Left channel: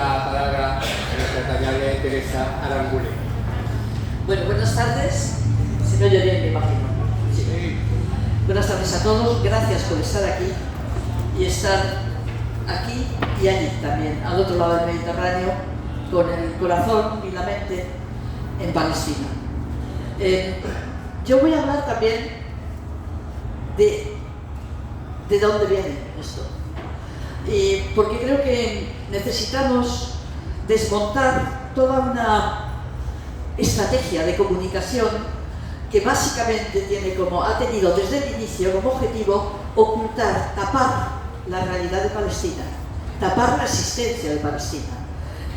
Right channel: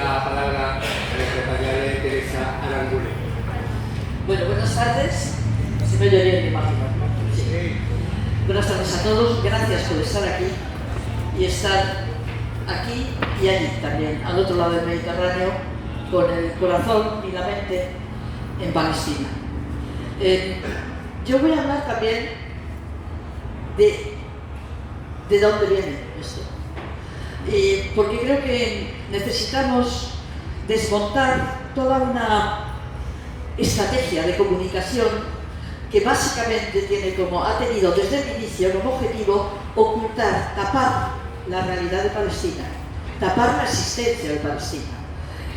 la palabra a nuestra tallable Teresa Aranguren. Bueno, buenas tardes. Si no lloré, me imagino. Sí. Buenas tardes a todos. Gracias por estar aquí y estar aquí y allí también, al otro lado del Mediterráneo, con el corazón y la mente en Palestina. Yo voy a hablar también de dónde viene esto. Porque creo que necesitamos desmontar toda una estrategia de comunicación que básicamente ha tenido desde el inicio como objetivo ocultar, tapar la realidad de Palestina, tapar la existencia de Palestina.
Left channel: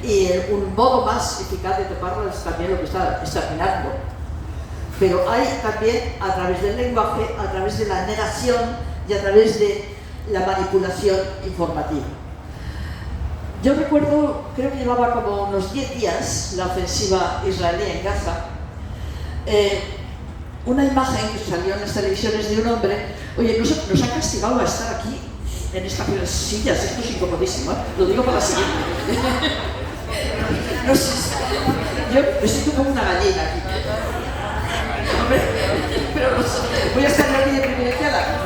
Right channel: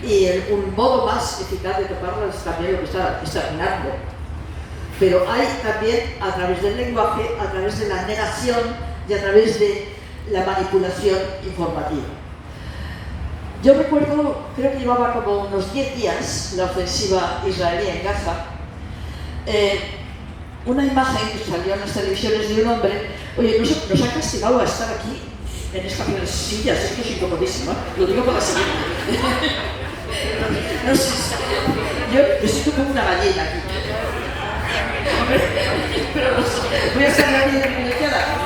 Y un modo más eficaz de taparlo es también lo que está mirando. Pero hay también, a través del lenguaje, a través de la negación y a través de la manipulación informativa. Yo recuerdo, creo que llevaba como unos 10 días la ofensiva israelí en Gaza, una imagen que salió en las televisiones de un hombre. Oye, nos ha castigado a estar aquí en estas sillas, esto es incomodísimo, lo digo para la siguiente. No sé, yo estoy como una gallina aquí. Pero no sé, voy a estar en la línea privilegiada.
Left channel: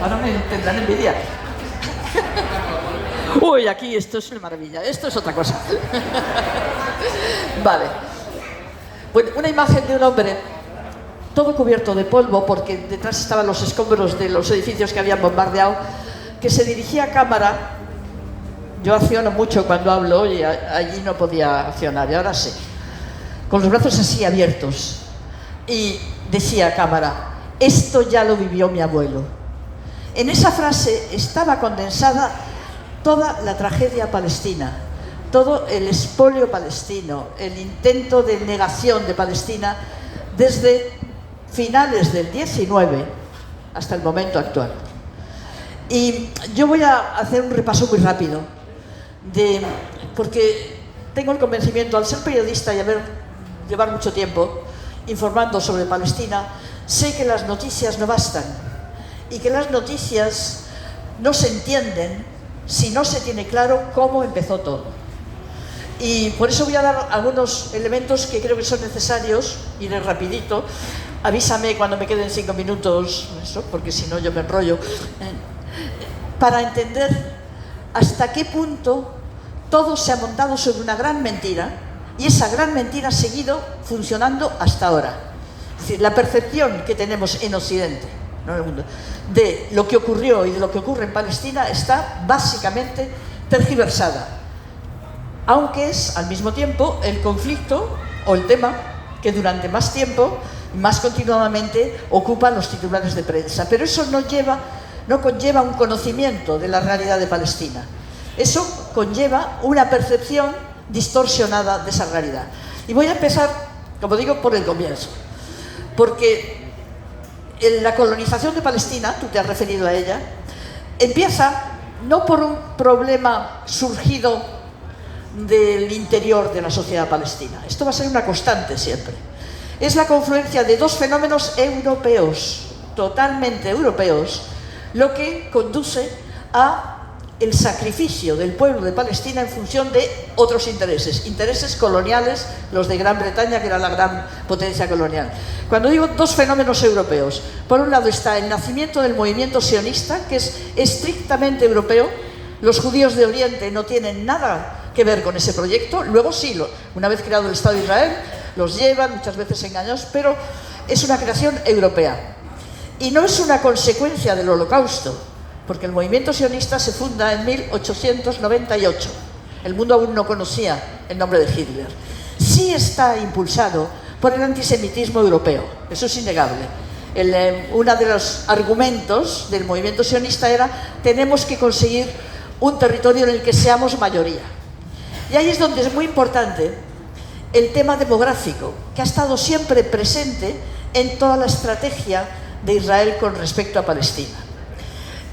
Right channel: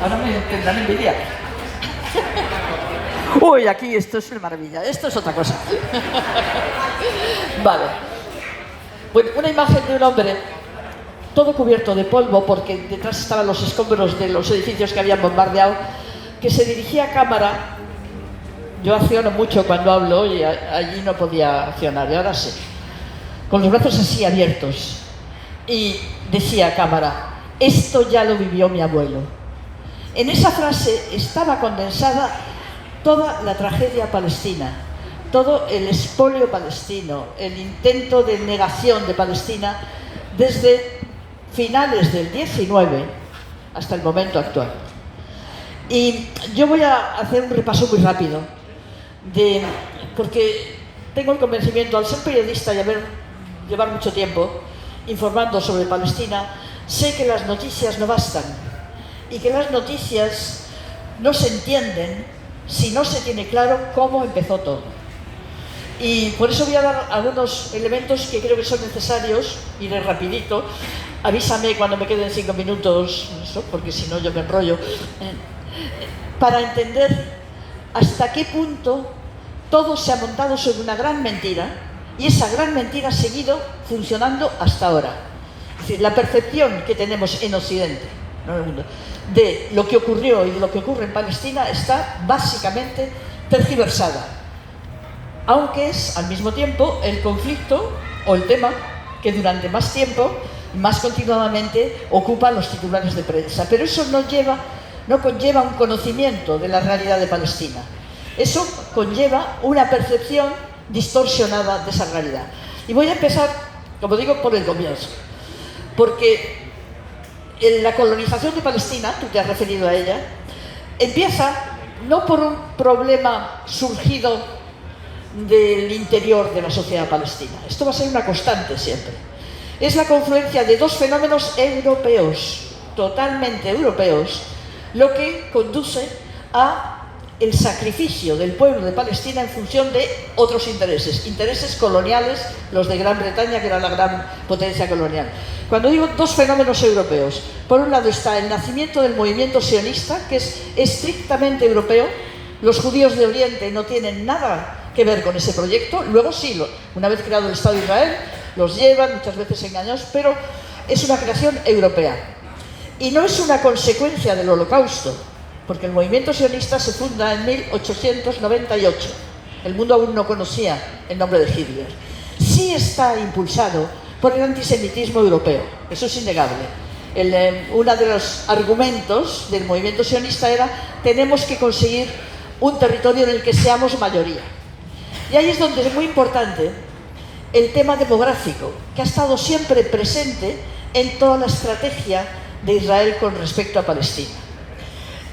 Ahora me tendrán envidia. Uy, aquí esto es una maravilla, esto es otra cosa. Vale. Bueno, una imagen de un hombre todo cubierto de polvo, porque detrás estaban los escombros de los edificios que habían bombardeado, que se dirigía a cámara. Yo acciono mucho cuando hablo y allí no podía accionar, y ahora sí. Con los brazos así abiertos. Y decía a cámara: esto ya lo vivió mi abuelo. En esa frase estaba condensada toda la tragedia palestina, todo el expolio palestino, el intento de negación de Palestina desde finales del 19 hasta el momento actual. Y yo voy a hacer un repaso muy rápido, porque tengo el convencimiento, al ser periodista y llevar mucho tiempo informando sobre Palestina, sé que las noticias no bastan y que las noticias no se entienden si no se tiene claro cómo empezó todo. Y por eso voy a dar algunos elementos que creo que son necesarios. Iré rapidito. Avísame cuando me queden 5 minutos, porque si no yo me enrollo. Para entender hasta qué punto todo se ha montado sobre una gran mentira, y esa gran mentira ha seguido funcionando hasta ahora. Es decir, la percepción que tenemos en Occidente, no en el mundo, de lo que ocurrió y de lo que ocurre en Palestina está básicamente tergiversada, aunque es al mismo tiempo el conflicto o el tema que durante más tiempo, más continuadamente, ocupa los titulares de prensa. Pero eso no conlleva un conocimiento de la realidad de Palestina. Eso conlleva una percepción distorsionada de esa realidad. Y voy a empezar, como digo, por el comienzo, porque la colonización de Palestina, tú te has referido a ella, empieza no por un problema surgido del interior de la sociedad palestina. Esto va a ser una constante siempre. Es la confluencia de dos fenómenos europeos, totalmente europeos, lo que conduce a el sacrificio del pueblo de Palestina en función de otros intereses coloniales, los de Gran Bretaña, que era la gran potencia colonial. Cuando digo dos fenómenos europeos, por un lado está el nacimiento del movimiento sionista, que es estrictamente europeo. Los judíos de Oriente no tienen nada que ver con ese proyecto. Luego sí, una vez creado el Estado de Israel, los llevan, muchas veces engañados, pero es una creación europea. Y no es una consecuencia del Holocausto, porque el movimiento sionista se funda en 1898. El mundo aún no conocía el nombre de Hitler. Sí está impulsado por el antisemitismo europeo, eso es innegable. Uno de los argumentos del movimiento sionista era: tenemos que conseguir un territorio en el que seamos mayoría. Y ahí es donde es muy importante el tema demográfico, que ha estado siempre presente en toda la estrategia de Israel con respecto a Palestina.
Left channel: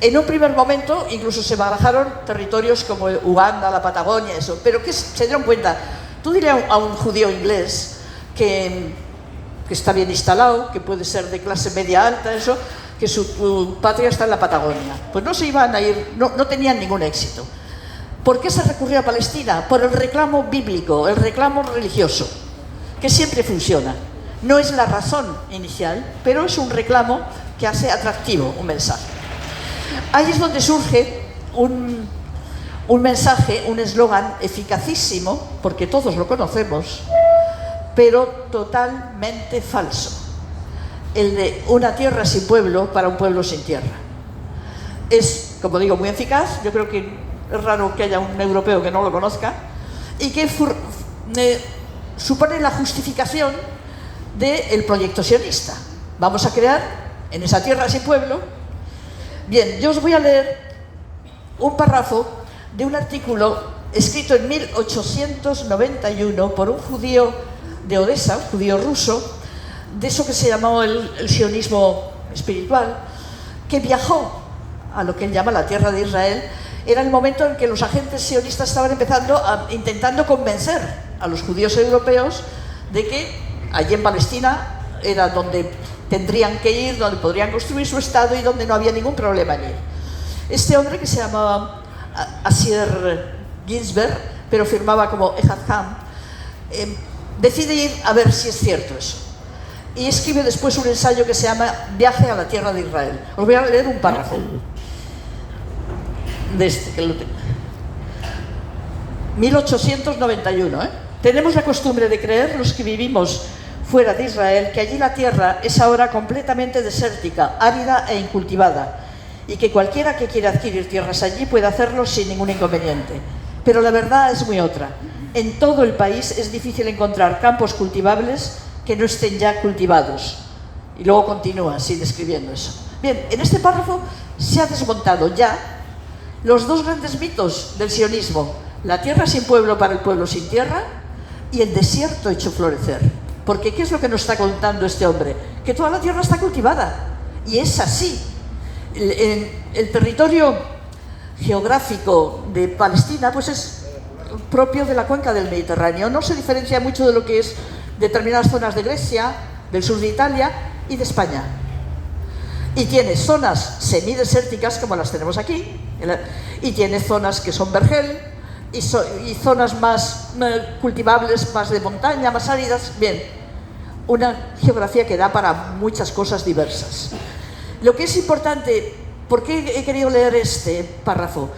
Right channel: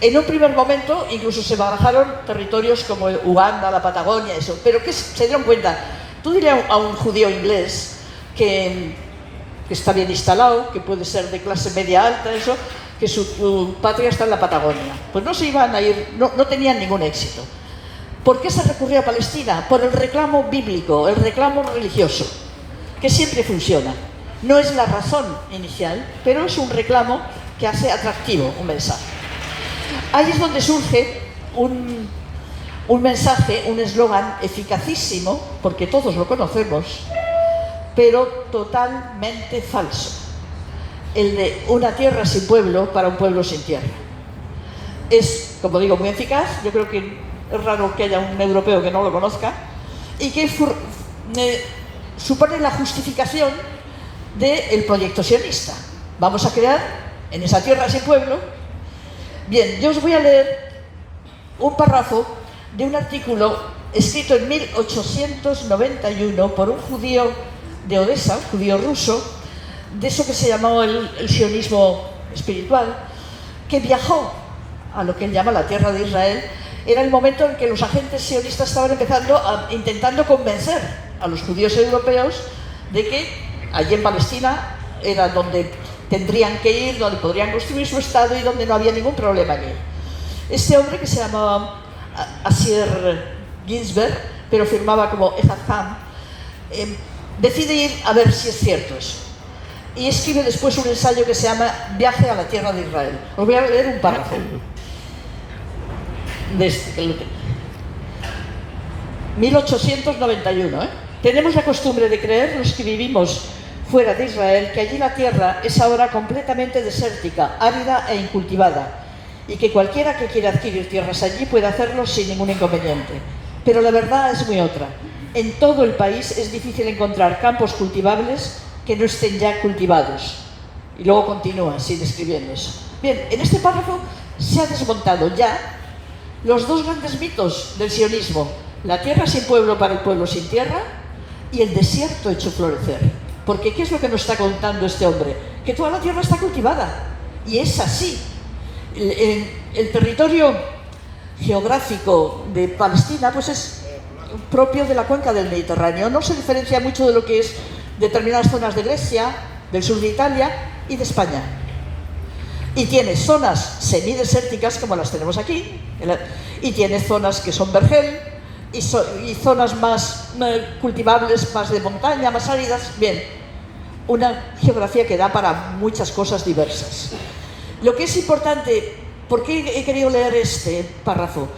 En un primer momento incluso se barajaron territorios como Uganda, la Patagonia, eso, pero que se dieron cuenta. Tú dirías a un judío inglés que que está bien instalado, que puede ser de clase media alta, eso, que su patria está en la Patagonia. Pues no se iban a ir, no tenían ningún éxito. ¿Por qué se recurrió a Palestina? Por el reclamo bíblico, el reclamo religioso, que siempre funciona. No es la razón inicial, pero es un reclamo que hace atractivo un mensaje. Ahí es donde surge un mensaje, un eslogan eficacísimo, porque todos lo conocemos, pero totalmente falso. El de una tierra sin pueblo para un pueblo sin tierra. Es, como digo, muy eficaz. Yo creo que es raro que haya un europeo que no lo conozca, y que supone la justificación del proyecto sionista. Vamos a crear en esa tierra sin pueblo. Bien, yo os voy a leer un párrafo de un artículo escrito en 1891 por un judío de Odessa, un judío ruso, de eso que se llamó el sionismo espiritual, que viajó a lo que él llama la tierra de Israel. Era el momento en que los agentes sionistas estaban intentando convencer a los judíos europeos de que allí en Palestina era donde tendrían que ir, donde podrían construir su Estado y donde no había ningún problema en ir. Este hombre, que se llamaba Asier Ginsberg, pero firmaba como Ehad Ham, decide ir a ver si es cierto eso. Y escribe después un ensayo que se llama Viaje a la tierra de Israel. Os voy a leer un párrafo de este, que lo tengo. 1891. Tenemos la costumbre de creer, los que vivimos fuera de Israel, que allí la tierra es ahora completamente desértica, árida e incultivada, y que cualquiera que quiera adquirir tierras allí puede hacerlo sin ningún inconveniente. Pero la verdad es muy otra. En todo el país es difícil encontrar campos cultivables que no estén ya cultivados. Y luego continúa así describiendo eso. Bien, en este párrafo se ha desmontado ya los dos grandes mitos del sionismo: la tierra sin pueblo para el pueblo sin tierra, y el desierto hecho florecer. Porque ¿qué es lo que nos está contando este hombre? Que toda la tierra está cultivada, y es así. El territorio geográfico de Palestina pues es propio de la cuenca del Mediterráneo. No se diferencia mucho de lo que es determinadas zonas de Grecia, del sur de Italia y de España. Y tiene zonas semidesérticas como las tenemos aquí, y tiene zonas que son vergel, y zonas más cultivables, más de montaña, más áridas. Bien, una geografía que da para muchas cosas diversas. Lo que es importante, ¿por qué he querido leer este párrafo?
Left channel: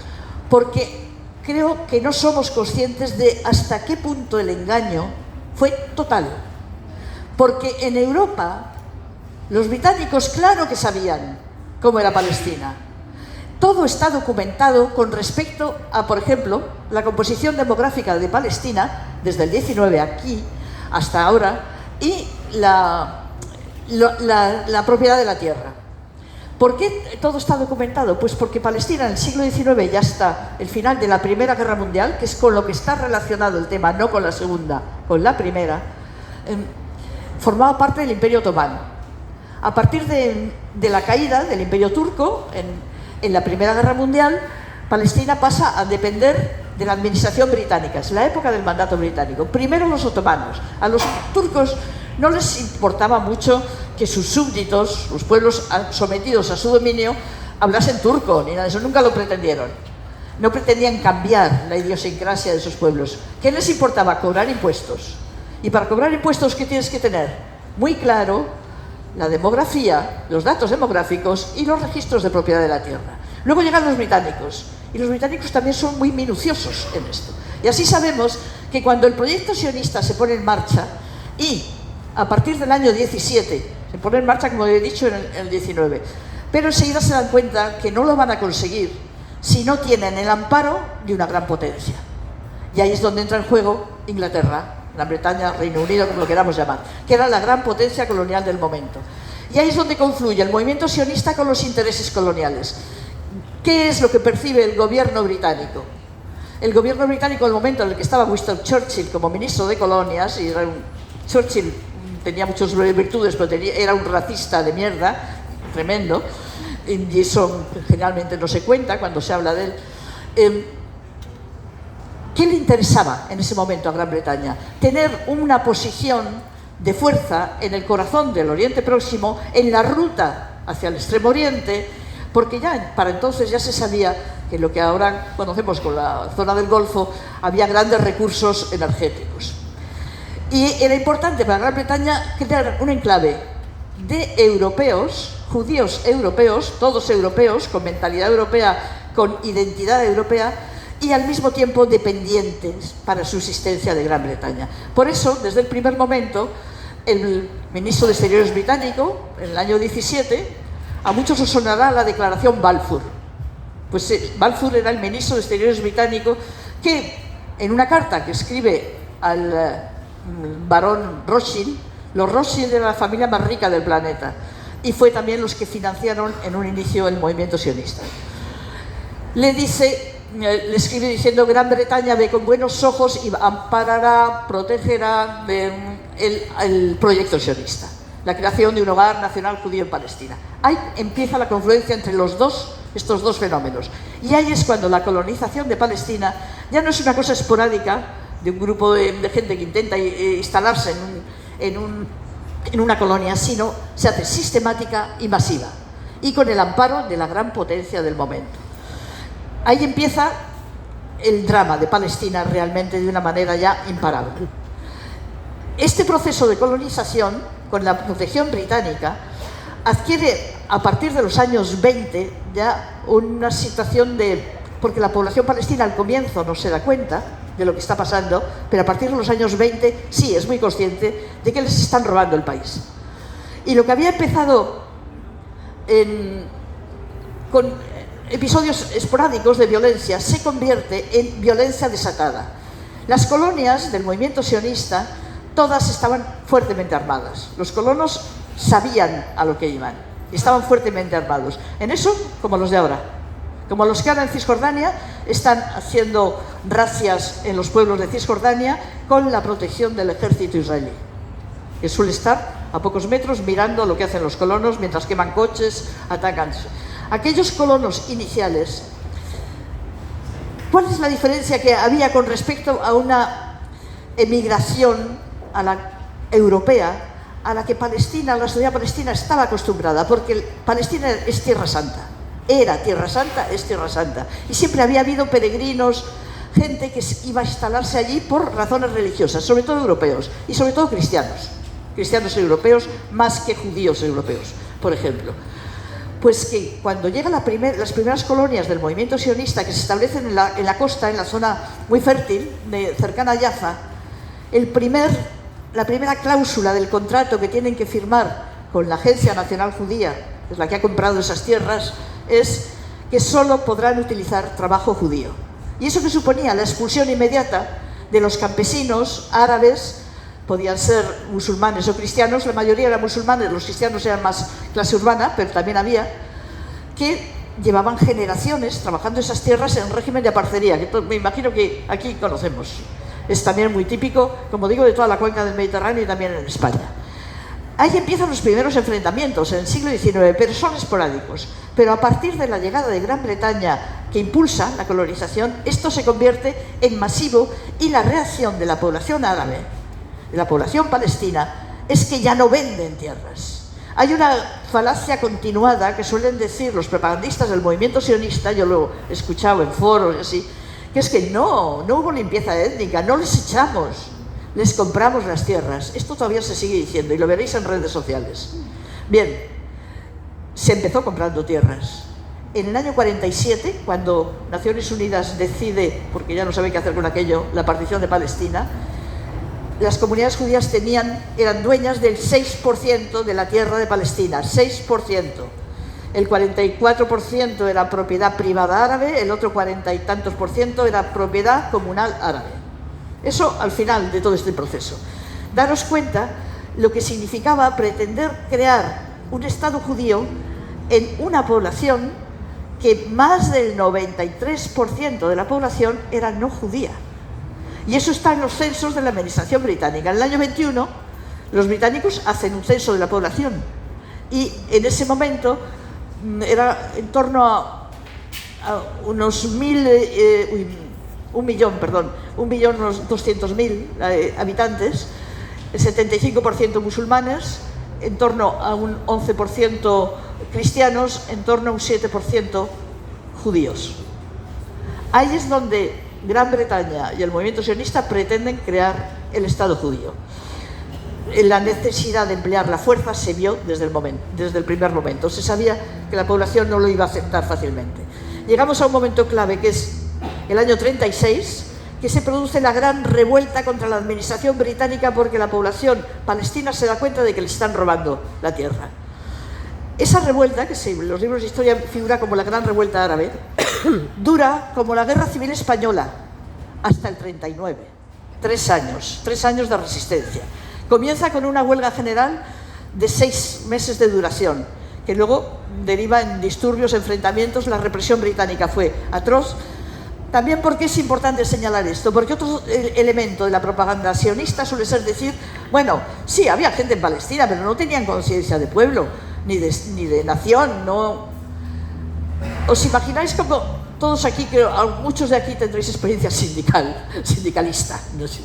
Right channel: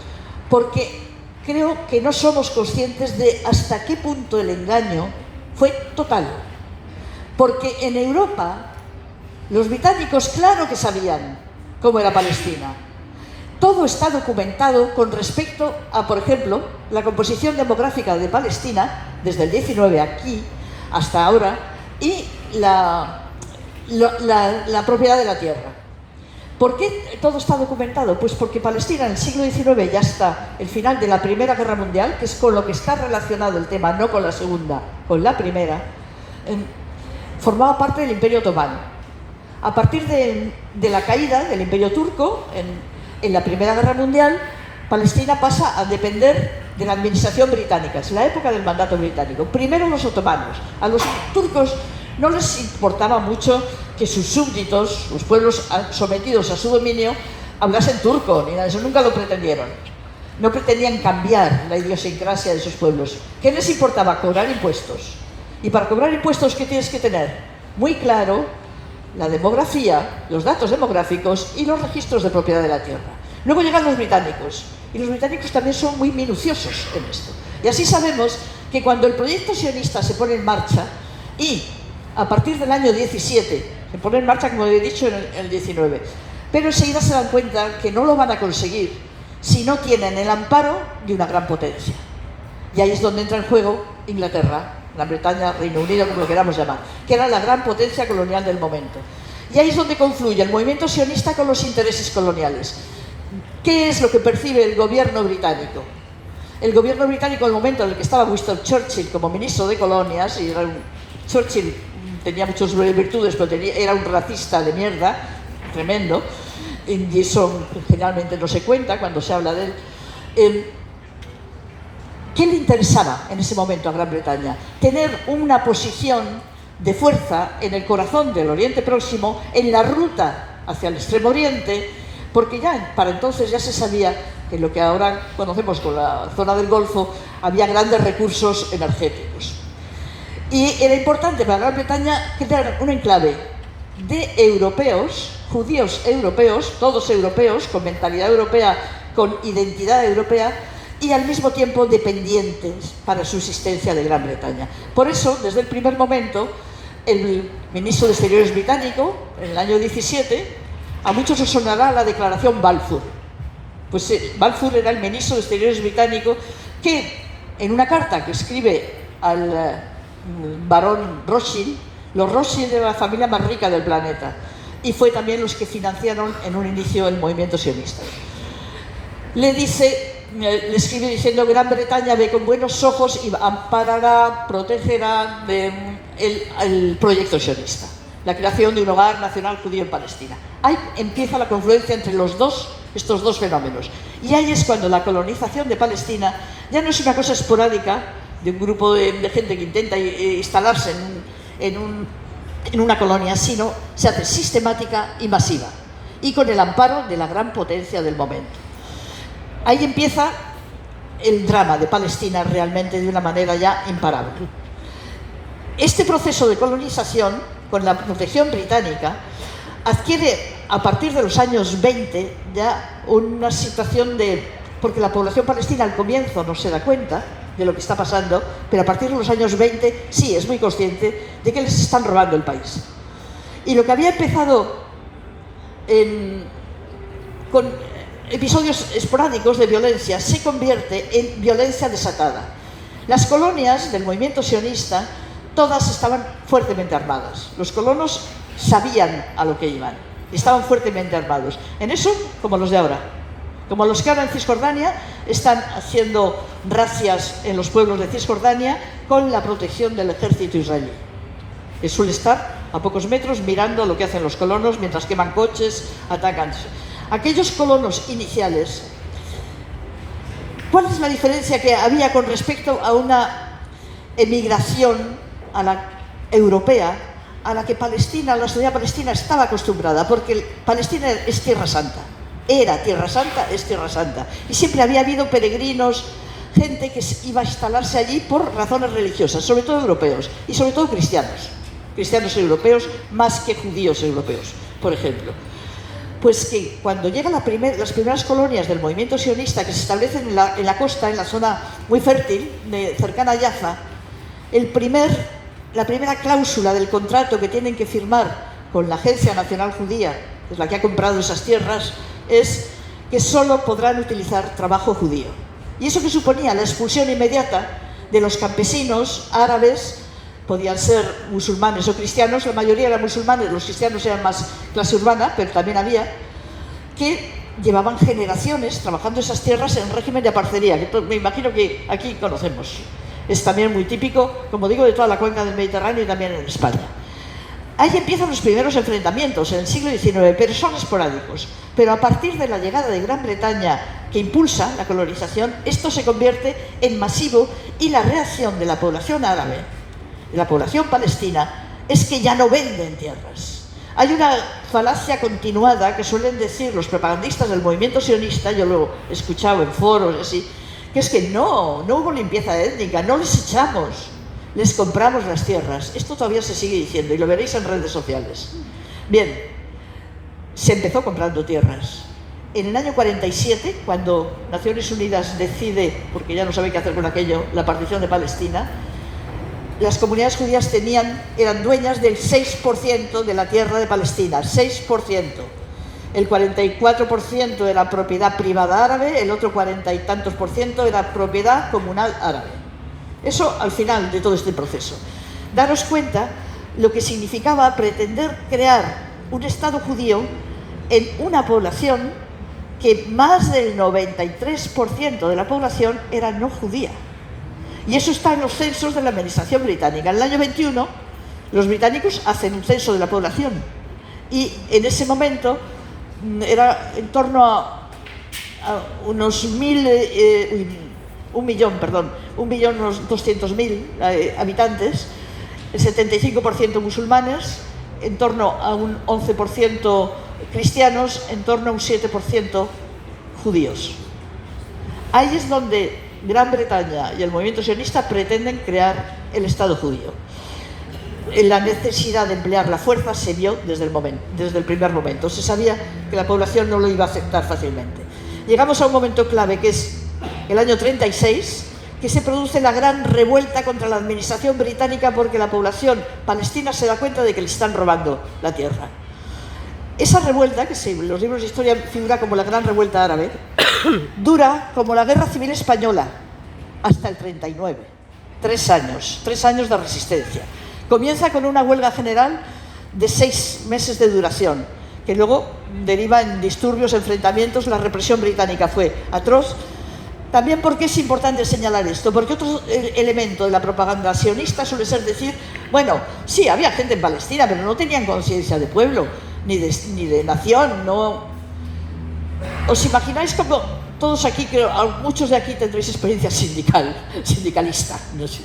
Porque creo que no somos conscientes de hasta qué punto el engaño fue total. Porque en Europa los británicos claro que sabían cómo era Palestina. Todo está documentado con respecto a, por ejemplo, la composición demográfica de Palestina desde el 19 aquí hasta ahora, y la propiedad de la tierra. ¿Por qué todo está documentado? Pues porque Palestina en el siglo XIX, ya hasta el final de la Primera Guerra Mundial, que es con lo que está relacionado el tema, no con la Segunda, con la Primera, formaba parte del Imperio Otomano. A partir de la caída del Imperio Turco, en la Primera Guerra Mundial, Palestina pasa a depender de la administración británica. Es la época del mandato británico. Primero los otomanos. A los turcos no les importaba mucho que sus súbditos, los pueblos sometidos a su dominio, hablasen turco, ni nada de eso. Nunca lo pretendieron. No pretendían cambiar la idiosincrasia de esos pueblos. ¿Qué les importaba? Cobrar impuestos. Y para cobrar impuestos, ¿qué tienes que tener? Muy claro la demografía, los datos demográficos y los registros de propiedad de la tierra. Luego llegan los británicos, y los británicos también son muy minuciosos en esto. Y así sabemos que cuando el proyecto sionista se pone en marcha, y a partir del año 17, se pone en marcha, como he dicho, en el 19, pero enseguida se dan cuenta que no lo van a conseguir si no tienen el amparo de una gran potencia. Y ahí es donde entra en juego Inglaterra, Gran Bretaña, Reino Unido, como lo queramos llamar, que era la gran potencia colonial del momento. Y ahí es donde confluye el movimiento sionista con los intereses coloniales. ¿Qué es lo que percibe el gobierno británico? El gobierno británico, en el momento en el que estaba Winston Churchill como ministro de colonias, y Churchill tenía muchas virtudes, pero era un racista de mierda, tremendo, y eso generalmente no se cuenta cuando se habla de él. ¿Qué le interesaba en ese momento a Gran Bretaña? Tener una posición de fuerza en el corazón del Oriente Próximo, en la ruta hacia el Extremo Oriente, porque ya para entonces ya se sabía que lo que ahora conocemos con la zona del Golfo había grandes recursos energéticos. Y era importante para Gran Bretaña crear un enclave de europeos, judíos europeos, todos europeos, con mentalidad europea, con identidad europea, y al mismo tiempo dependientes para su existencia de Gran Bretaña. Por eso, desde el primer momento, el ministro de Exteriores británico, en el año 17, a muchos os sonará la declaración Balfour. Pues Balfour era el ministro de Exteriores británico que, en una carta que escribe al barón Rothschild, los Rothschild eran la familia más rica del planeta y fue también los que financiaron en un inicio el movimiento sionista. Le escribe diciendo: Gran Bretaña ve con buenos ojos y amparará, protegerá el proyecto sionista, la creación de un hogar nacional judío en Palestina. Ahí empieza la confluencia entre estos dos fenómenos. Y ahí es cuando la colonización de Palestina ya no es una cosa esporádica de un grupo de gente que intenta instalarse en una colonia, sino se hace sistemática y masiva, y con el amparo de la gran potencia del momento. Ahí empieza el drama de Palestina realmente de una manera ya imparable. Este proceso de colonización, con la protección británica, adquiere a partir de los años 20 ya una situación porque la población palestina al comienzo no se da cuenta de lo que está pasando, pero a partir de los años 20 sí es muy consciente de que les están robando el país. Y lo que había empezado con episodios esporádicos de violencia se convierte en violencia desatada. Las colonias del movimiento sionista todas estaban fuertemente armadas. Los colonos sabían a lo que iban, estaban fuertemente armados. En eso, como los de ahora. Como los que ahora en Cisjordania están haciendo razias en los pueblos de Cisjordania con la protección del ejército israelí, que suele estar a pocos metros mirando lo que hacen los colonos mientras queman coches, atacan. Aquellos colonos iniciales, ¿cuál es la diferencia que había con respecto a una emigración a la europea a la que Palestina, la sociedad palestina estaba acostumbrada? Porque Palestina es Tierra Santa, era Tierra Santa, es Tierra Santa, y siempre había habido peregrinos, gente que iba a instalarse allí por razones religiosas, sobre todo europeos y sobre todo cristianos europeos más que judíos europeos, por ejemplo. Pues que cuando llegan las primeras colonias del movimiento sionista que se establecen en la costa, en la zona muy fértil, cercana a Jaffa, la primera cláusula del contrato que tienen que firmar con la Agencia Nacional Judía, que es la que ha comprado esas tierras, es que solo podrán utilizar trabajo judío. Y eso que suponía la expulsión inmediata de los campesinos árabes, podían ser musulmanes o cristianos, la mayoría eran musulmanes, los cristianos eran más clase urbana, pero también había, que llevaban generaciones trabajando esas tierras en régimen de aparcería, que me imagino que aquí conocemos. Es también muy típico, como digo, de toda la cuenca del Mediterráneo y también en España. Ahí empiezan los primeros enfrentamientos en el siglo XIX, pero son esporádicos. Pero a partir de la llegada de Gran Bretaña, que impulsa la colonización, esto se convierte en masivo y la reacción de la población árabe, de la población palestina, es que ya no venden tierras. Hay una falacia continuada que suelen decir los propagandistas del movimiento sionista, yo lo he escuchado en foros y así, que es que no hubo limpieza étnica, no les echamos, les compramos las tierras. Esto todavía se sigue diciendo y lo veréis en redes sociales. Bien, se empezó comprando tierras. En el año 47, cuando Naciones Unidas decide, porque ya no sabe qué hacer con aquello, la partición de Palestina, las comunidades judías eran dueñas del 6% de la tierra de Palestina, 6%. El 44% era propiedad privada árabe, el otro 40 y tantos % era propiedad comunal árabe. Eso al final de todo este proceso. Daros cuenta lo que significaba pretender crear un Estado judío en una población que más del 93% de la población era no judía. Y eso está en los censos de la administración británica. En el año 21, los británicos hacen un censo de la población y en ese momento era en torno a unos 1.200.000 habitantes, el 75% musulmanes, en torno a un 11% cristianos, en torno a un 7% judíos. Ahí es donde Gran Bretaña y el movimiento sionista pretenden crear el Estado judío. La necesidad de emplear la fuerza se vio desde el primer momento. Se sabía que la población no lo iba a aceptar fácilmente. Llegamos a un momento clave, que es el año 36, que se produce la gran revuelta contra la administración británica porque la población palestina se da cuenta de que le están robando la tierra. Esa revuelta, que en los libros de historia figura como la gran revuelta árabe, dura como la guerra civil española hasta el 39. 3 años de resistencia. Comienza con una huelga general de 6 meses de duración, que luego deriva en disturbios, enfrentamientos. La represión británica fue atroz. También porque es importante señalar esto, porque otro elemento de la propaganda sionista suele ser decir, bueno, sí, había gente en Palestina, pero no tenían conciencia de pueblo, ni de nación, no. ¿Os imagináis como todos aquí, creo, muchos de aquí tendréis experiencia sindicalista? No sé.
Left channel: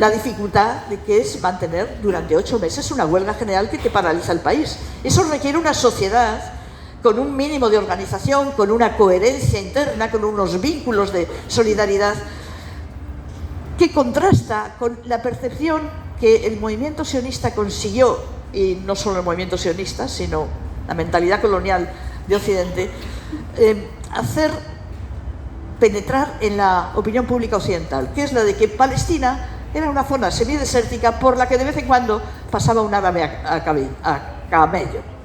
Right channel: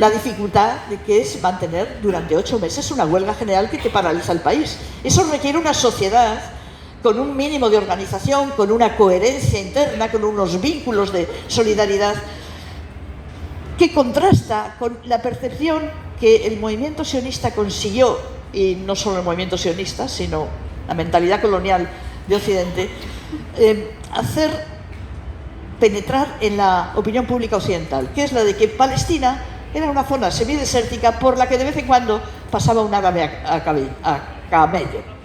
La dificultad de que es mantener durante 8 meses una huelga general que te paraliza el país. Eso requiere una sociedad con un mínimo de organización, con una coherencia interna, con unos vínculos de solidaridad, que contrasta con la percepción que el movimiento sionista consiguió, y no solo el movimiento sionista, sino la mentalidad colonial de Occidente, hacer penetrar en la opinión pública occidental, que es la de que Palestina era una zona semidesértica por la que de vez en cuando pasaba un árabe a camello.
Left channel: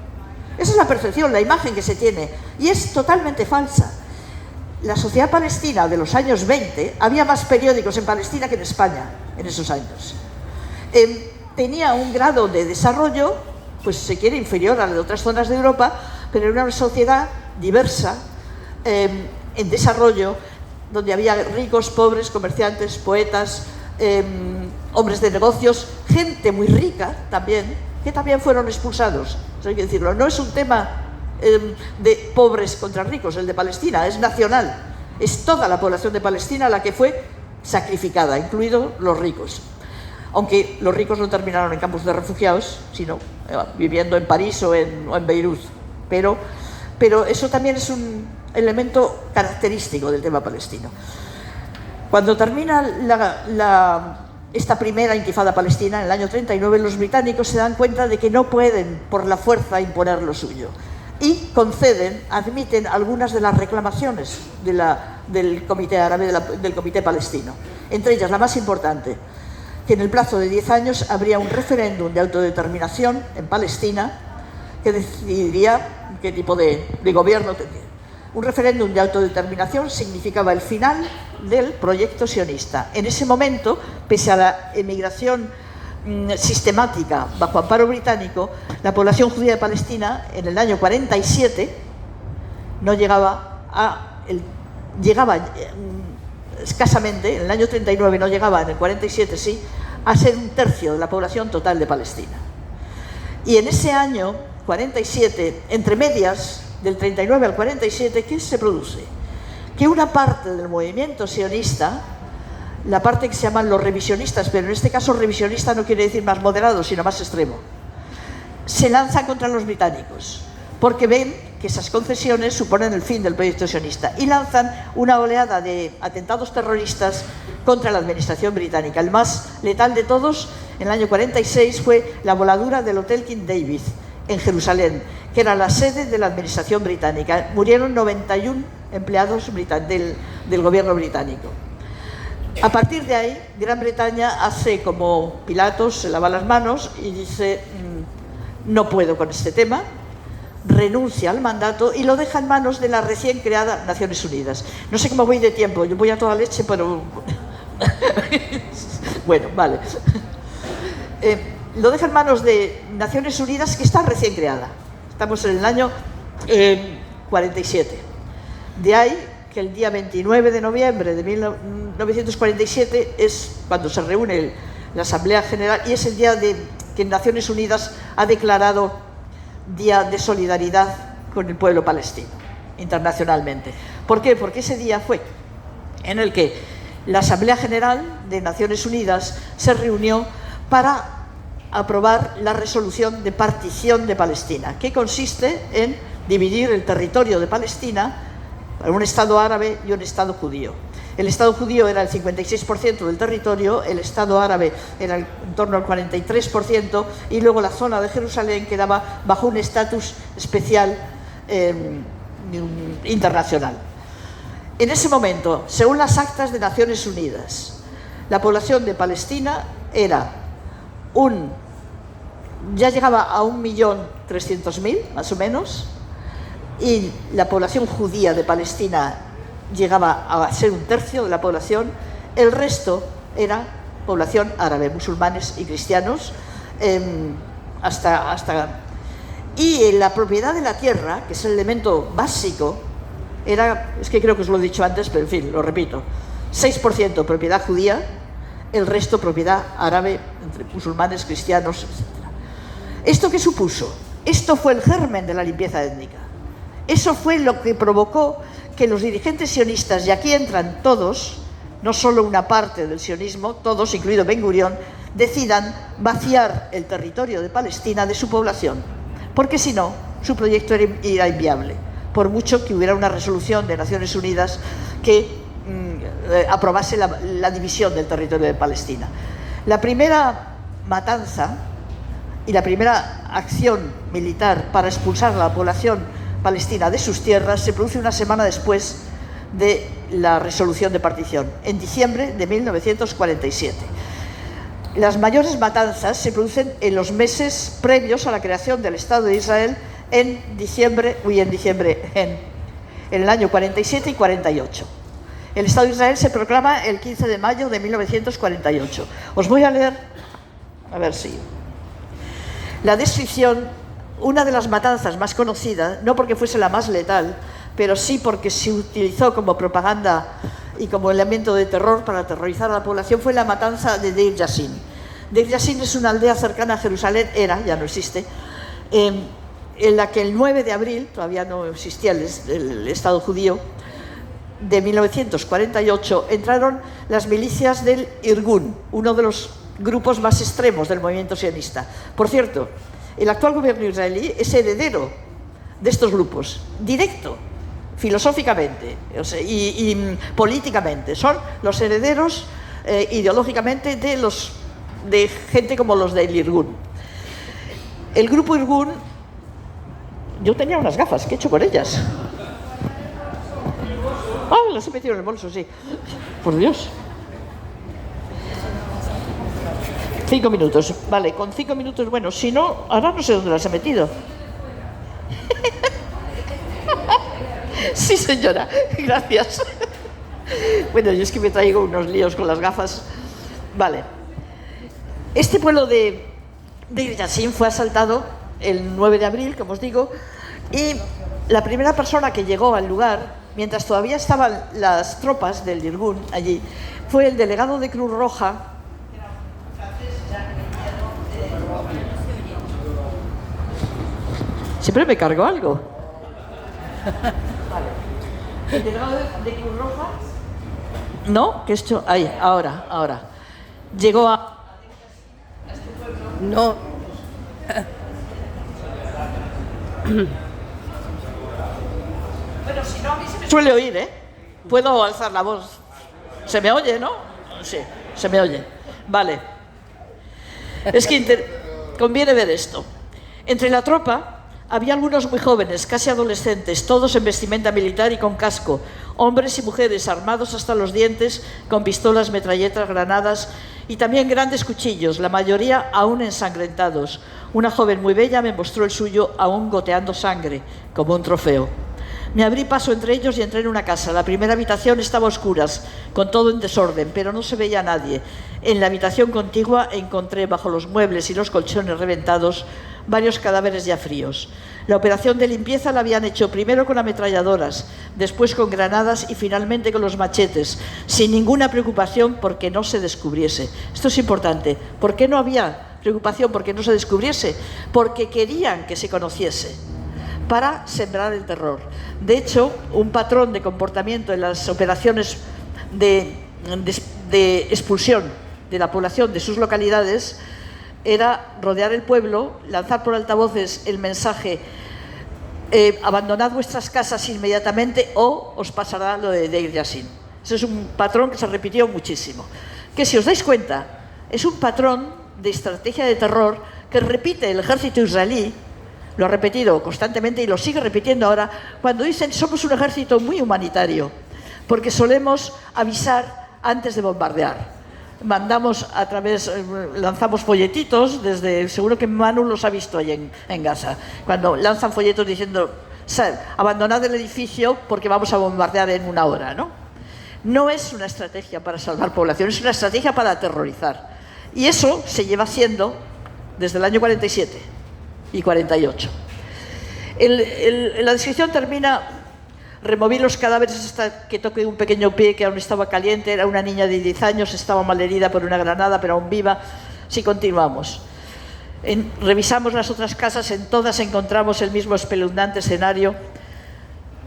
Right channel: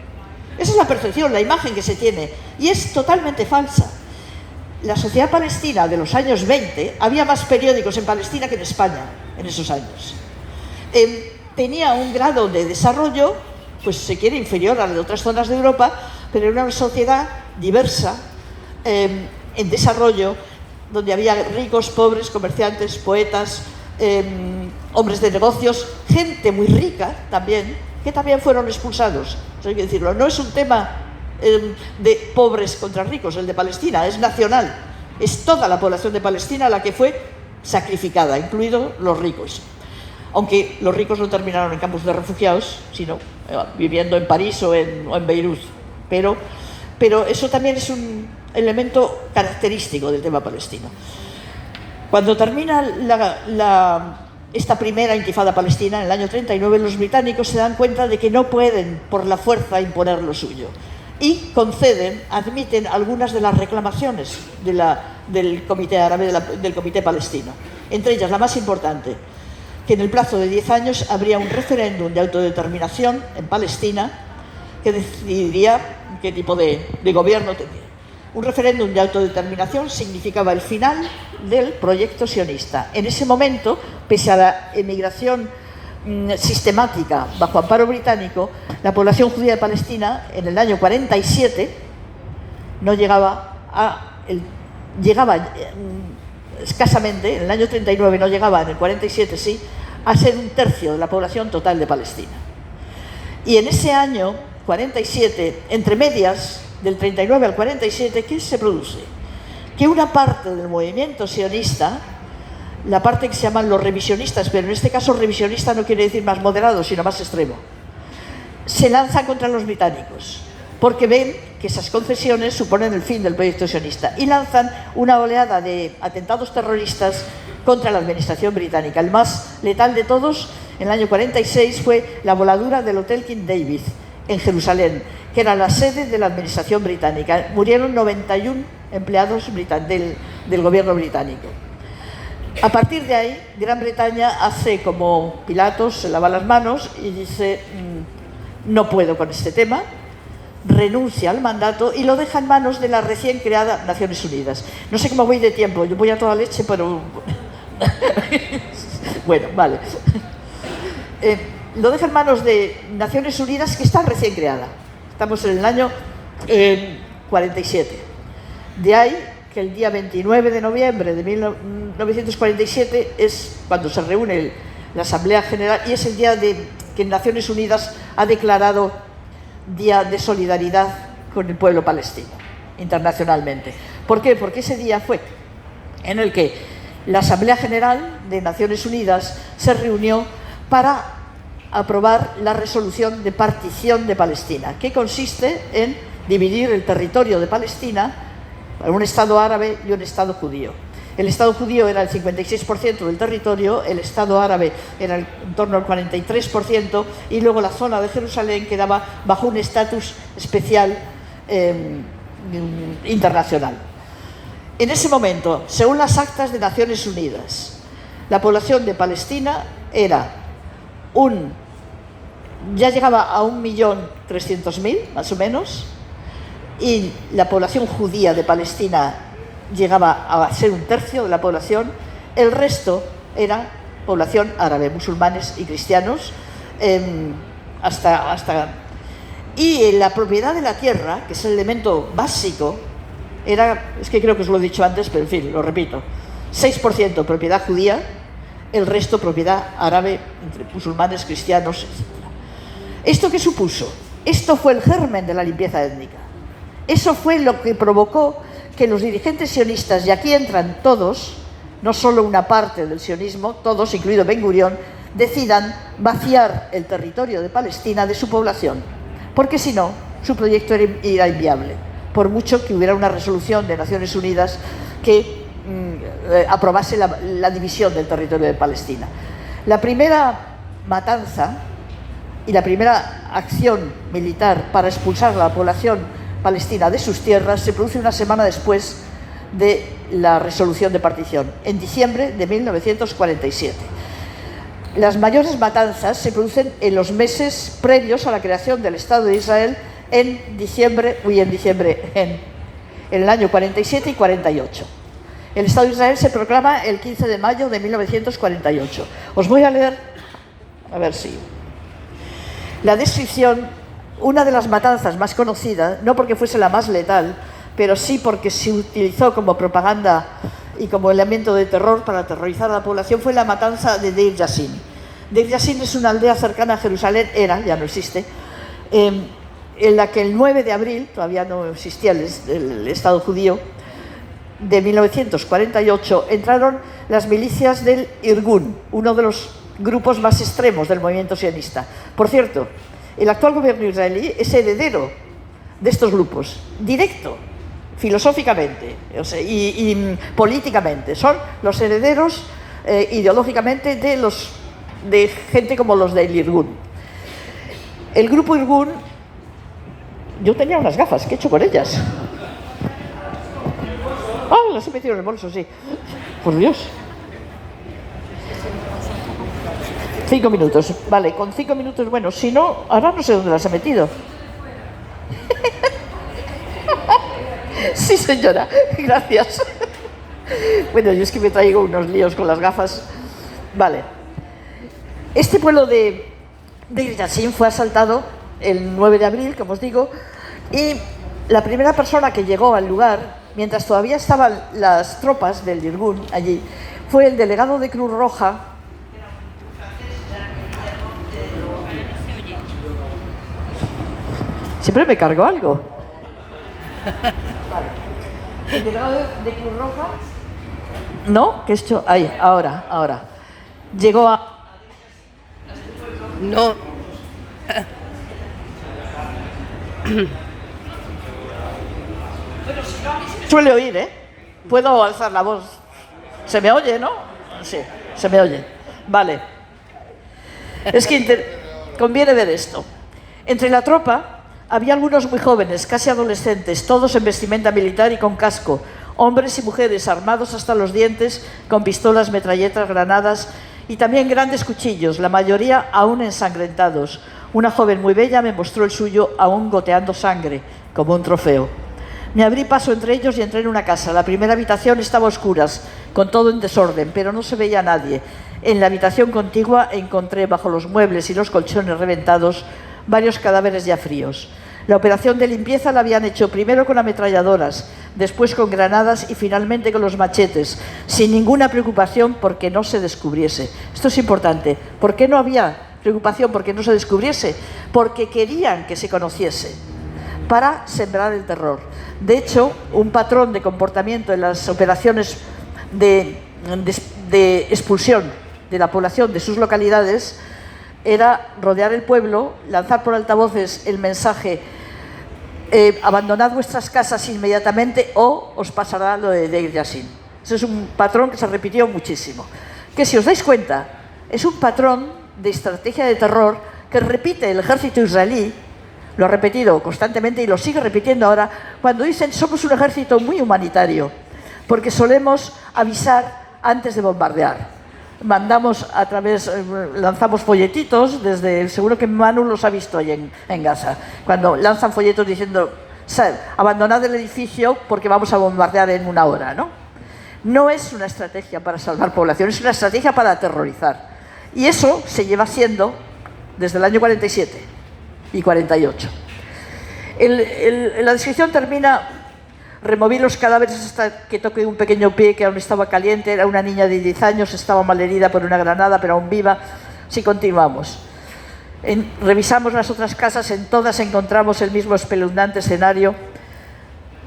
Esa es la percepción, la imagen que se tiene, y es totalmente falsa. La sociedad palestina de los años 20, había más periódicos en Palestina que en España en esos años. Tenía un grado de desarrollo, pues se quiere, inferior a la de otras zonas de Europa, pero era una sociedad diversa, en desarrollo, donde había ricos, pobres, comerciantes, poetas, hombres de negocios, gente muy rica también, que también fueron expulsados. Hay que decirlo, no es un tema de pobres contra ricos, el de Palestina, es nacional. Es toda la población de Palestina la que fue sacrificada, incluidos los ricos. Aunque los ricos no terminaron en campos de refugiados, sino viviendo en París o en Beirut. Pero eso también es un elemento característico del tema palestino. Cuando termina esta primera intifada palestina, en el año 39, los británicos se dan cuenta de que no pueden por la fuerza imponer lo suyo y admiten algunas de las reclamaciones del Comité Árabe, del Comité Palestino. Entre ellas, la más importante, que en el plazo de 10 años habría un referéndum de autodeterminación en Palestina que decidiría qué tipo de gobierno tendría. Un referéndum de autodeterminación significaba el final del proyecto sionista. En ese momento, pese a la emigración sistemática bajo amparo británico, la población judía de Palestina en el año 47 no llegaba escasamente, en el año 39 no llegaba, en el 47 sí, a ser 1/3 de la población total de Palestina. Y en ese año 47, entre medias, del 39 al 47, ¿qué se produce? Que una parte del movimiento sionista, la parte que se llaman los revisionistas, pero en este caso revisionista no quiere decir más moderado, sino más extremo, se lanza contra los británicos, porque ven que esas concesiones suponen el fin del proyecto sionista, y lanzan una oleada de atentados terroristas contra la administración británica. El más letal de todos, en el año 46, fue la voladura del Hotel King David, en Jerusalén, que era la sede de la administración británica. Murieron 91 empleados del gobierno británico. A partir de ahí, Gran Bretaña hace como Pilatos, se lava las manos y dice, no puedo con este tema, renuncia al mandato y lo deja en manos de la recién creada Naciones Unidas. No sé cómo voy de tiempo, yo voy a toda leche, pero... bueno, vale. Lo deja en manos de Naciones Unidas, que está recién creada. Estamos en el año 47. De ahí que el día 29 de noviembre de 1947 es cuando se reúne la Asamblea General, y es el día que Naciones Unidas ha declarado Día de Solidaridad con el pueblo palestino, internacionalmente. ¿Por qué? Porque ese día fue en el que la Asamblea General de Naciones Unidas se reunió para aprobar la resolución de partición de Palestina, que consiste en dividir el territorio de Palestina en un Estado árabe y un Estado judío. El Estado judío era el 56% del territorio, el Estado árabe era en torno al 43%, y luego la zona de Jerusalén quedaba bajo un estatus especial internacional. En ese momento, según las actas de Naciones Unidas, la población de Palestina era ya llegaba a 1.300.000, más o menos, y la población judía de Palestina llegaba a ser un tercio de la población. El resto era población árabe, musulmanes y cristianos, y la propiedad de la tierra, que es el elemento básico, es que creo que os lo he dicho antes, pero en fin, lo repito, 6% propiedad judía, el resto propiedad árabe, entre musulmanes, cristianos, etc. ¿Esto qué supuso? Esto fue el germen de la limpieza étnica. Eso fue lo que provocó que los dirigentes sionistas, y aquí entran todos, no solo una parte del sionismo, todos, incluido Ben Gurión, decidan vaciar el territorio de Palestina de su población, porque si no, su proyecto era inviable, por mucho que hubiera una resolución de Naciones Unidas que aprobase la división del territorio de Palestina. La primera matanza y la primera acción militar para expulsar a la población palestina de sus tierras se produce una semana después de la resolución de partición, en diciembre de 1947. Las mayores matanzas se producen en los meses previos a la creación del Estado de Israel en el año 47 y 48. El Estado de Israel se proclama el 15 de mayo de 1948. Os voy a leer, a ver si... la descripción, una de las matanzas más conocidas, no porque fuese la más letal, pero sí porque se utilizó como propaganda y como elemento de terror para aterrorizar a la población, fue la matanza de Deir Yassin. Deir Yassin es una aldea cercana a Jerusalén, ya no existe, en la que el 9 de abril, todavía no existía el Estado judío, de 1948, entraron las milicias del Irgun, uno de los grupos más extremos del movimiento sionista. Por cierto, el actual gobierno israelí es heredero de estos grupos, directo, filosóficamente y políticamente. Son los herederos ideológicamente de gente como los del Irgun. El grupo Irgun, yo tenía unas gafas, ¿qué he hecho con ellas? Oh, las he metido en el bolso, sí. Por Dios. 5 minutos, vale, con 5 minutos, bueno, si no, ahora no sé dónde las he metido. Sí, señora, gracias. Bueno, yo es que me traigo unos líos con las gafas. Vale. Este pueblo de Yassin fue asaltado el 9 de abril, como os digo, y la primera persona que llegó al lugar, mientras todavía estaban las tropas del Irgun allí, fue el delegado de Cruz Roja. Siempre me cargo algo. El delegado de Cruz Roja. ¿No? ¿Qué esto? Ahí, ahora. Llegó a... No. Bueno, si no, a mí se me suele oír, ¿eh? Puedo alzar la voz. ¿Se me oye, no? Sí, se me oye. Vale. Es que conviene ver esto. Entre la tropa había algunos muy jóvenes, casi adolescentes, todos en vestimenta militar y con casco, hombres y mujeres armados hasta los dientes, con pistolas, metralletas, granadas y también grandes cuchillos, la mayoría aún ensangrentados. Una joven muy bella me mostró el suyo aún goteando sangre, como un trofeo. Me abrí paso entre ellos y entré en una casa. La primera habitación estaba a oscuras, con todo en desorden, pero no se veía a nadie. En la habitación contigua encontré, bajo los muebles y los colchones reventados, varios cadáveres ya fríos. La operación de limpieza la habían hecho primero con ametralladoras, después con granadas y finalmente con los machetes, sin ninguna preocupación porque no se descubriese. Esto es importante. ¿Por qué no había preocupación porque no se descubriese? Porque querían que se conociese, para sembrar el terror. De hecho, un patrón de comportamiento en las operaciones de expulsión de la población de sus localidades era rodear el pueblo, lanzar por altavoces el mensaje: abandonad vuestras casas inmediatamente o os pasará lo de Deir Yassin. Ese es un patrón que se repitió muchísimo. Que si os dais cuenta, es un patrón de estrategia de terror que repite el ejército israelí, lo ha repetido constantemente y lo sigue repitiendo ahora, cuando dicen somos un ejército muy humanitario, porque solemos avisar antes de bombardear. Mandamos lanzamos folletitos desde, seguro que Manu los ha visto ahí en Gaza, cuando lanzan folletos diciendo abandonad el edificio porque vamos a bombardear en 1 hora, ¿no? No es una estrategia para salvar población, es una estrategia para aterrorizar. Y eso se lleva haciendo desde el año 47 y 48. La descripción termina: removí los cadáveres hasta que toqué un pequeño pie que aún estaba caliente. Era una niña de 10 años, estaba malherida por una granada, pero aún viva. Sí, continuamos. Revisamos las otras casas, en todas encontramos el mismo espeluznante escenario.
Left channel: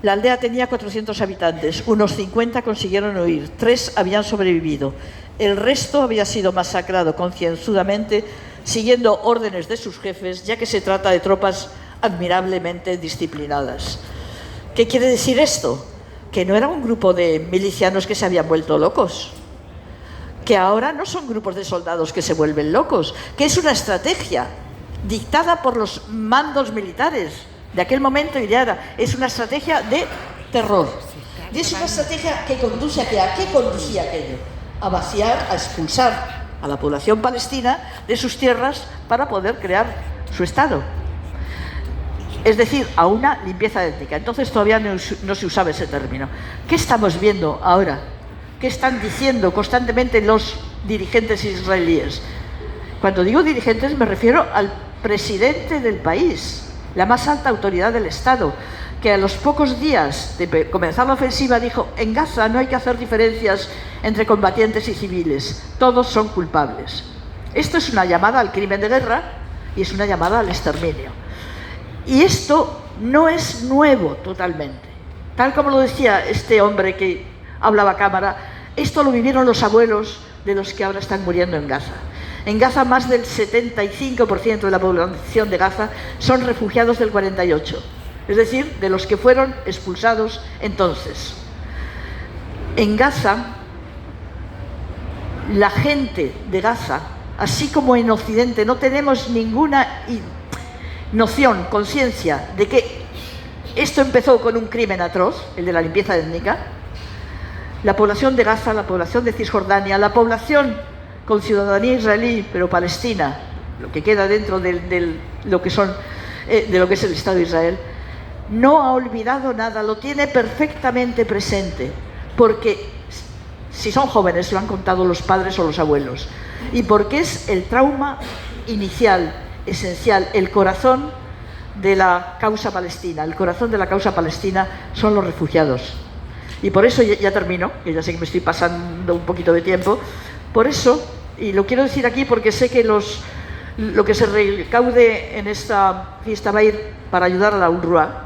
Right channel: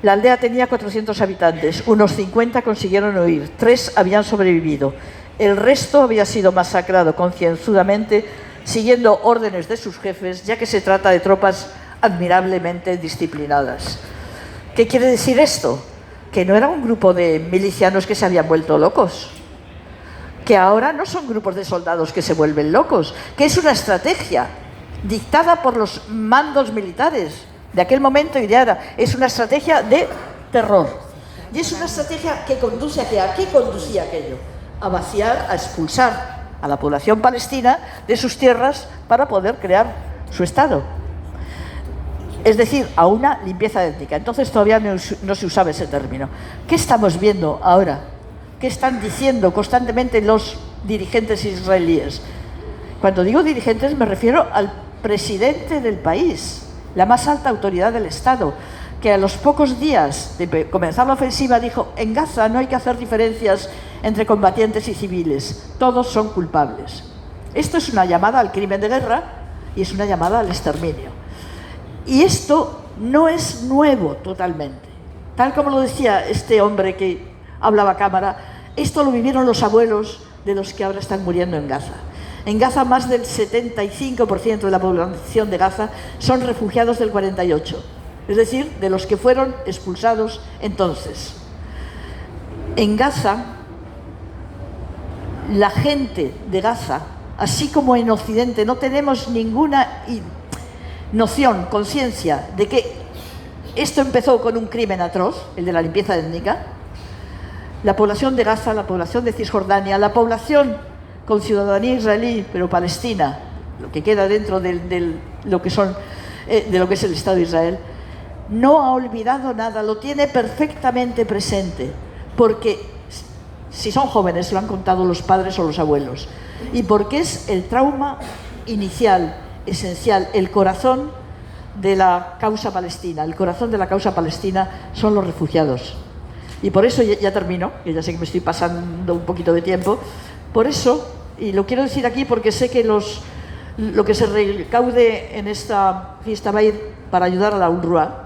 La aldea tenía 400 habitantes, unos 50 consiguieron huir, 3 habían sobrevivido. El resto había sido masacrado concienzudamente, siguiendo órdenes de sus jefes, ya que se trata de tropas admirablemente disciplinadas. ¿Qué quiere decir esto? Que no era un grupo de milicianos que se habían vuelto locos, que ahora no son grupos de soldados que se vuelven locos, que es una estrategia dictada por los mandos militares de aquel momento y de ahora. Es una estrategia de terror. Y es una estrategia que conduce a qué conducía aquello? A vaciar, a expulsar a la población palestina de sus tierras para poder crear su Estado. Es decir, a una limpieza étnica. Entonces todavía no se usaba ese término. ¿Qué estamos viendo ahora? ¿Qué están diciendo constantemente los dirigentes israelíes? Cuando digo dirigentes me refiero al presidente del país, la más alta autoridad del Estado, que a los pocos días de comenzar la ofensiva dijo: en Gaza no hay que hacer diferencias entre combatientes y civiles, todos son culpables. Esto es una llamada al crimen de guerra y es una llamada al exterminio. Y esto no es nuevo totalmente. Tal como lo decía este hombre que hablaba a cámara, esto lo vivieron los abuelos de los que ahora están muriendo en Gaza. En Gaza más del 75% de la población de Gaza son refugiados del 48, es decir, de los que fueron expulsados entonces. En Gaza, la gente de Gaza, así como en Occidente, no tenemos ninguna noción, conciencia de que esto empezó con un crimen atroz, el de la limpieza étnica. La población de Gaza, la población de Cisjordania, la población con ciudadanía israelí, pero palestina, lo que queda dentro de lo que es el Estado de Israel, no ha olvidado nada, lo tiene perfectamente presente, porque si son jóvenes lo han contado los padres o los abuelos, y porque es el trauma inicial, esencial, el corazón de la causa palestina. El corazón de la causa palestina son los refugiados. Y por eso, ya termino, que ya sé que me estoy pasando un poquito de tiempo, por eso, y lo quiero decir aquí porque sé que lo que se recaude en esta fiesta va a ir para ayudar a la UNRWA.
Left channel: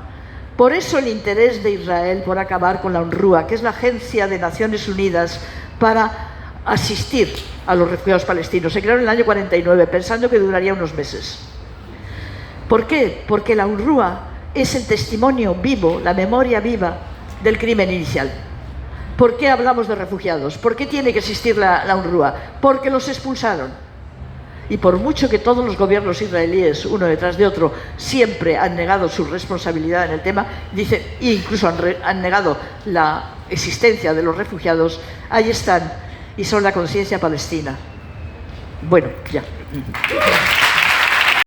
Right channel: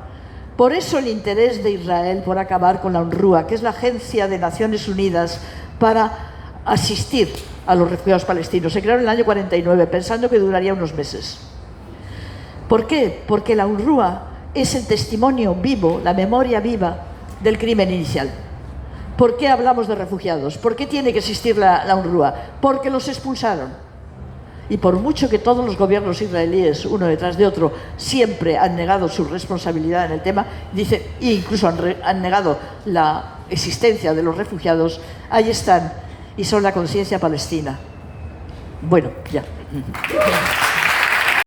Por eso el interés de Israel por acabar con la UNRWA, que es la Agencia de Naciones Unidas para asistir a los refugiados palestinos. Se creó en el año 49, pensando que duraría unos meses. ¿Por qué? Porque la UNRWA es el testimonio vivo, la memoria viva del crimen inicial. ¿Por qué hablamos de refugiados? ¿Por qué tiene que existir la UNRWA? Porque los expulsaron. Y por mucho que todos los gobiernos israelíes, uno detrás de otro, siempre han negado su responsabilidad en el tema, e incluso han negado la existencia de los refugiados, ahí están y son la conciencia palestina. Bueno, ya.